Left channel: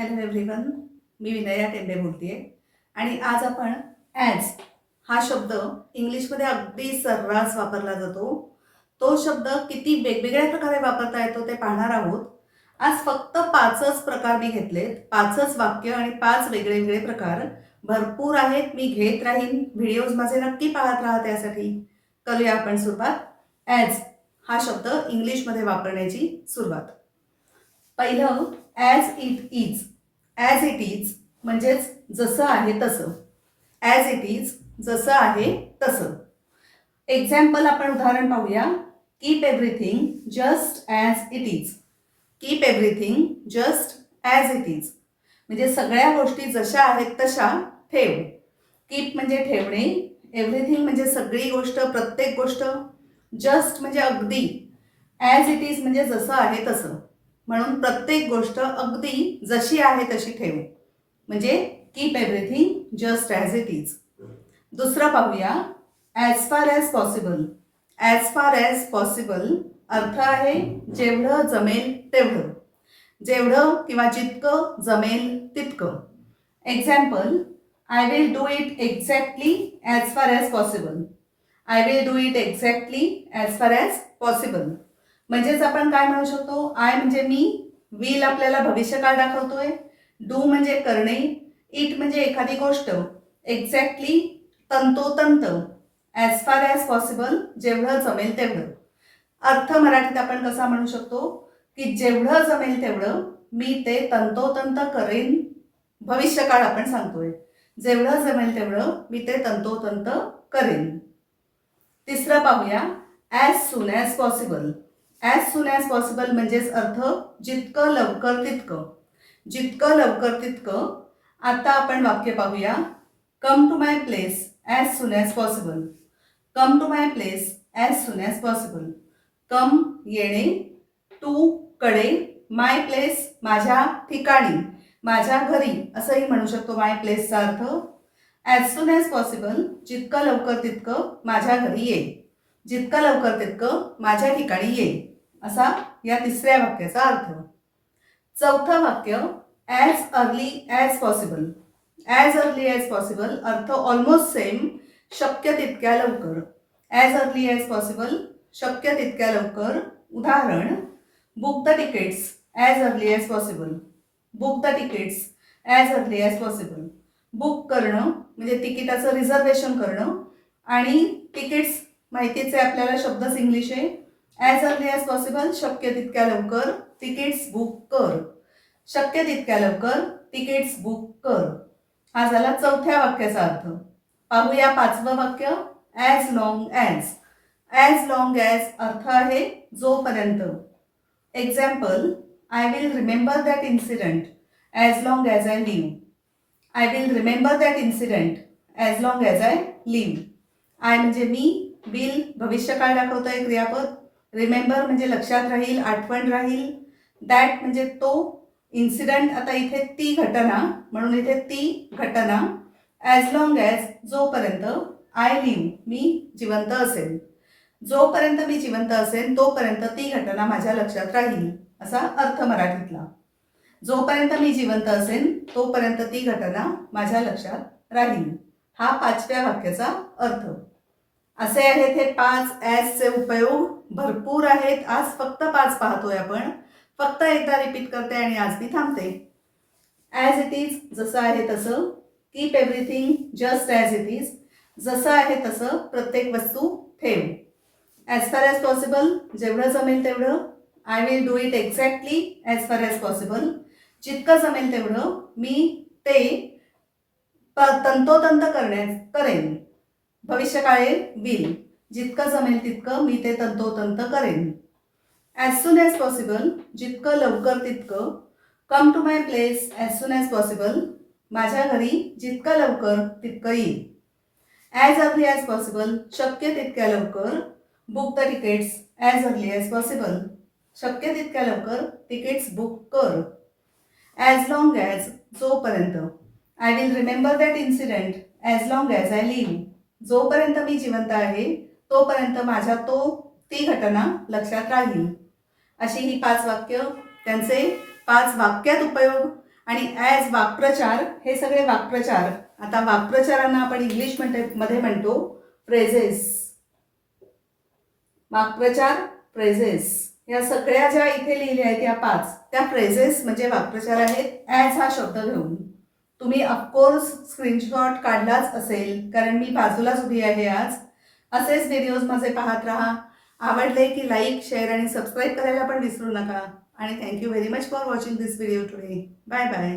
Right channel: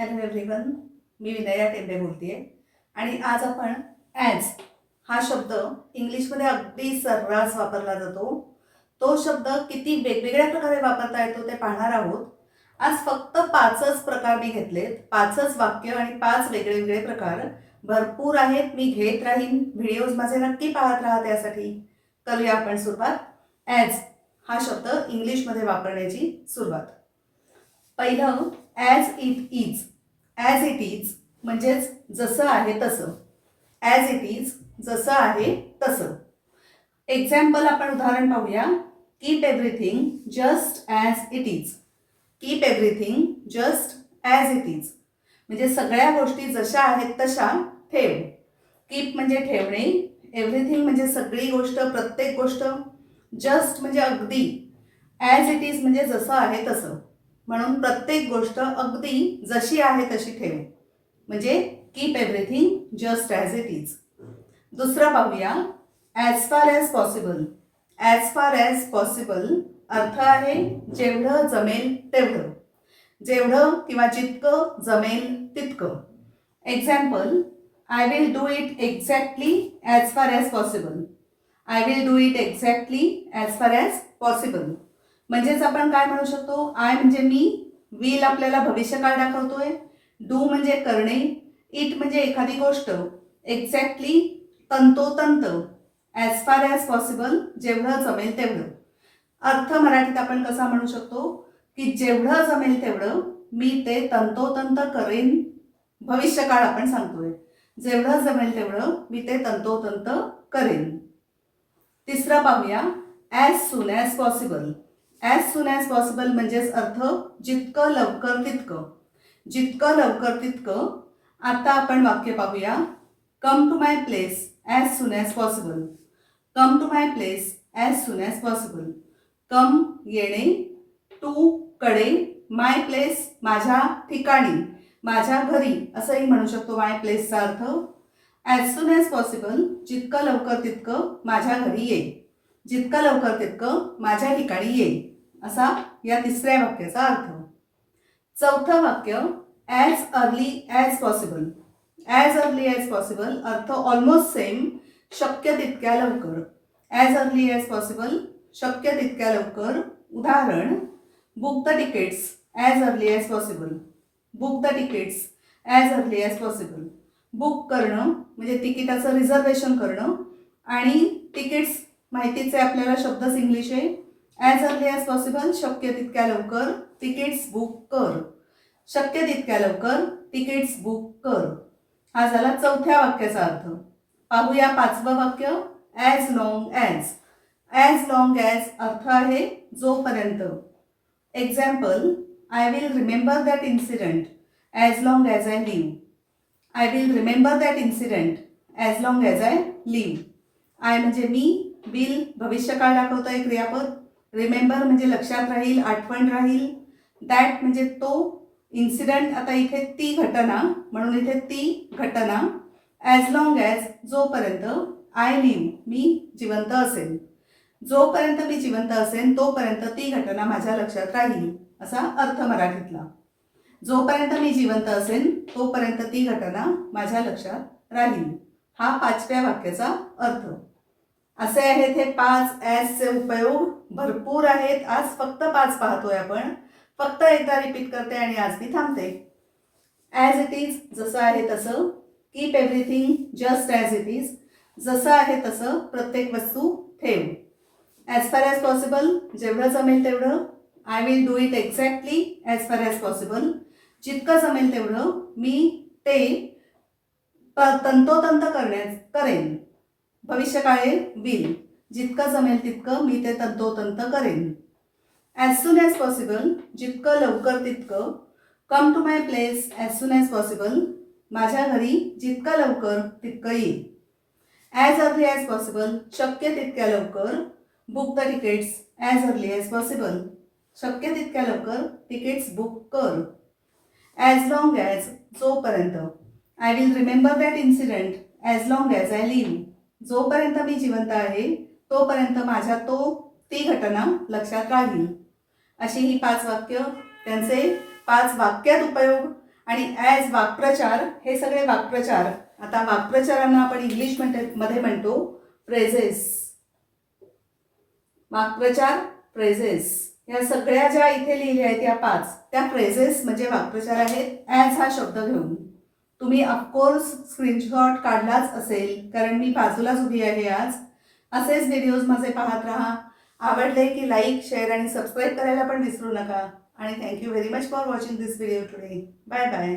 Hello everyone मी विनया टेंबे बोलते आहे आणि आज आपण ॲज हा शब्द इंग्लिशमध्ये अगदी सर्रास वापरला जातो. तो शब्द किती वेगवेगळ्या प्रकारे वापरता येतो ते पाहणार आहोत. आज फक्त पाचच प्रकार मी घेतलेत. पाचच वाक्य आणि पाच वेगळे वेगळे प्रकार. भरपूर आहेत. मी घेत राहीन. व्हिडिओज माझे नक्की पाहत राहत यासाठी. करूया आपण सुरुवात. ॲज हा शब्द इंग्लिशमध्ये वापरण्याची सुरुवात. पहिलं as it is as it is म्हणजेच जसं आहे तसं. ॲज इट इज जसं आहे तसं. एक्झाम्पल आपण उदाहरण पाहूया. Keep everything just as it is keep everything just as it is म्हणजे सगळ्या गोष्टी जशा आहेत तशा ठेव. कीप म्हणजे ठेवणे. एव्हरीथिंग म्हणजे सगळी गोष्ट प्रत्येक गोष्ट. जस्ट म्हणजे अगदी. ॲज इट इज म्हणजे जसं आहे तसं. म्हणून प्रत्येक गोष्ट अगदी जशी आहे तशी ठेव. म्हणजे keep everything just as it is दुसरं पाहूया. As far as possible as far as possible अर्थ आहे जेवढं जमेल तेवढं. जेवढं किंवा जितकं जमेल तितकं. Example I will do it exactly as far as possible I will do it exactly as far as possible म्हणजेच आपण काय म्हणू शकतो? आय म्हणजे मी विल आपल्याला भविष्यकाळ दाखवतोय. डू म्हणजे करणे. इट म्हणजे एखादी गोष्ट. एक्झॅक्टली तंतोतंत. ॲज फार ॲज पॉसिबल जेवढं जमेल तेवढं. अर्थ मराठीत आपण कसा म्हणू शकतो? की जेवढं जमेल तेवढं मी ते तंतोतंत करेन. भविष्यकाळ आपण सांगतोय. जेवढं जमेल तेवढं मी ते तंतोतंत करेन. तिसरं पाहूया. As soon as possible as soon as possible म्हणजेच अर्थ जितकं लवकर तितकं. जितकं लवकर तितकं. आता आपण वाक्य पाहूया. Come to my place as soon as possible come to my place as soon as possible come येणे टू कडे माय प्लेस माझ्या ठिकाणी माझ्या घरी. असंही म्हणू शकतो माय प्लेसचा अर्थ. ॲज सून ॲज पॉसिबल जितकं लवकर तितकं माझ्या घरी ये. जितकं लवकर तितकं माझ्या ठिकाणी येईल. असा या तिसऱ्या वाक्याचा अर्थ. चौथं वाक्य as early as possible as early as possible अर्थ ऑलमोस्ट सेम शक्य तितक्या लवकर. ॲज अर्ली ॲज पॉसिबल शक्य तितक्या लवकर. उदाहरण book the tickets as early as possible book the tickets as early as possible book करणं म्हणजे तिकिटाचं रिझर्वेशन करणं आणि तिकीट्स माहितीच आहे आपल्याला शब्दच इंग्लिश आहे. ॲज अर्ली ॲज पॉसिबल शक्य तितक्या लवकर तिकीट्स बुक कर. शक्य तितक्या लवकर तिकीट्स बुक कर. हा झाला चौथ्या वाक्याचा अर्थ. पाहूया पाचवं वाक्य as long as as long as अर्थ आहे जोपर्यंत. Example I will remember that incident as long as I live I will remember that incident as long as I live I म्हणजे मी विल भविष्यकाळ दाखवतोय क्रियापद? रिमेंबर म्हणजे लक्षात राहील आठवण राहील. दॅट म्हणजे तो इन्सिडेंट आता इथे ती घटना म्हणून इथे ती घटना. ॲज लॉंग ॲज जोपर्यंत आय लिव्ह मी जिवंत असेल जोपर्यंत मी जिवंत असेल तोपर्यंत ती घटना माझ्या लक्षात राहील असा अर्थ मराठीतला. जोपर्यंत मी जिवंत असेल तोपर्यंत ती घटना माझ्या लक्षात राहील. हा पाचव्या वाक्याचा अर्थ. असे आहेत हे पाच ॲजचे उपयोग. भरपूर आहेत. आज फक्त पाच पाहतोय आपण. फक्त एकदा रिपीट करते आणि आज मी थांबते. ॲज इट इज जसं आहे तसं. Keep everything just as it is जसं आहे तसं प्रत्येक वस्तू ठेव. ॲज फार ॲज पॉसिबल जेवढं जमेल तेवढं. I will do it exactly as far as possible जितकं जमेल तेवढं मी ते प- तंतोतंत करण्यास करेन. भविष्यकाळे बिल. जितकं जमेल तितकं मी ते तंतोतंत करेन. ॲज सून ॲज पॉसिबल जितकं लवकर तितकं. Come to my place as soon as possible माझ्या घरी जितकं लवकर तितकं येईल. ॲज अर्ली ॲज पॉसिबल शक्य तितक्या लवकर. Book the tickets as early as possible शक्य तितक्या लवकर तिकीट्स बुक कर. ॲज लॉंग ॲज जोपर्यंत. I will remember that incident as long as I live जोपर्यंत मी जिवंत आहे तोपर्यंत माझ्या तो ती घटना लक्षात राहील. अशी ही पाच वाक्य त्यांचे पाच वाक्यात उपयोग आणि ॲज वाक्प्रचार हे सगळे वाक्प्रचार. आता वाक्प्रचारांना आपण इंग्लिश म्हणते मध्ये म्हणतो प्रेझेस वाक्प्रचार प्रेझेस या सगळ्या ज्या इथे लिहिल्या आहेत या पाच त्या प्रेझेस म्हणजे वाक्प्रचार आहेत ॲज हा शब्द घेऊन. तुम्ही ऑफकोर्स स्क्रीनशॉट काढलाच असेल कारण मी बाजूलाच उभी आहे आज. असेच व्हिडिओज माझे पाहत राहा. आवडले की लाईक शेअर आणि सबस्क्राईब करायला पण विसरू नका. आणि thank you very much for watching this video today bye bye